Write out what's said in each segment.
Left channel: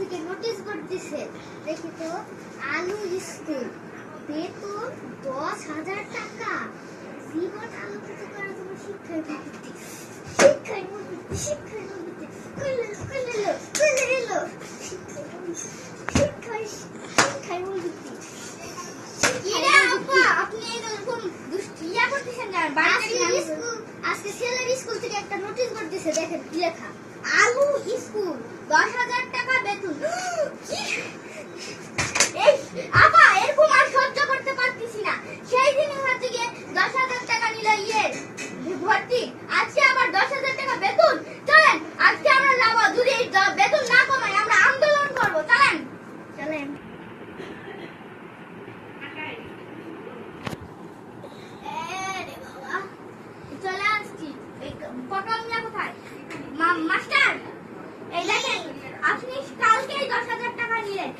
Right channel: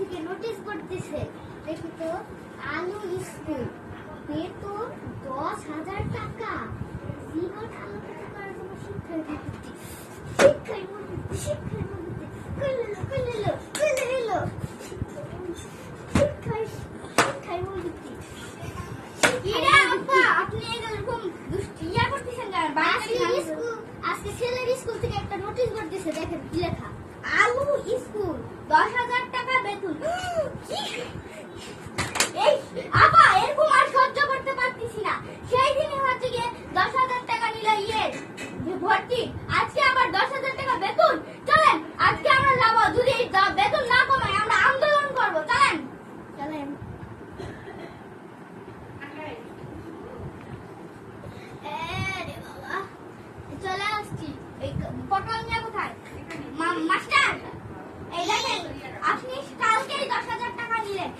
থেকে notice board দিছে, দেখি তো, আলু স্কুল, বেতন 10,000 টাকা, জীবন আলোকিত করার জন্য শিক্ষার বৃত্তি, শিক্ষার বৃত্তি, শিক্ষার বৃত্তি, খুলে এলো, শিক্ষার বৃত্তি। আজকে ছেলের স্কুল থেকে একটা নোটিশ বোর্ড দিছে, দেখেন কি লেখা, আলু স্কুল 10,000 টাকা বেতন। এই আপা এরকম আর সহ্য করতে পারতেছি না, সেই দিনই হচ্ছে গিয়ে 10,000 টাকা নিল ভর্তি, আজকে আবার 10,000 টাকা বেতন। চলেন আজকে আমরা যাবো, যদি বেতন না কমায় আমরা আন্দোলন করবো, চলেন। চলে আসছি। পটল মিয়া কোথায়? মাস্টার এই দেখেন, আপনি কালকে 10,000 টাকা নিলেন,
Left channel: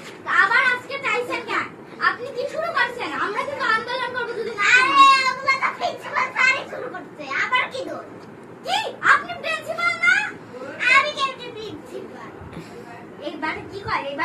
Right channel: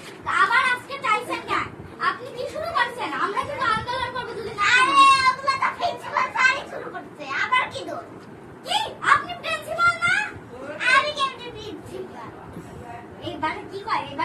আবার আজকে চাইছেন কেন? আপনি কি শুরু করছেন? আমরা কিন্তু আন্দোলন করবো যদি না। ওগুলা তো প্রিন্সিপাল স্যারই শুরু করছে, আবার কি দোষ? কি আপনি প্রিন্সিপাল না? আমি কেন প্রিন্সিপাল? এইবার কি কয়? এইবার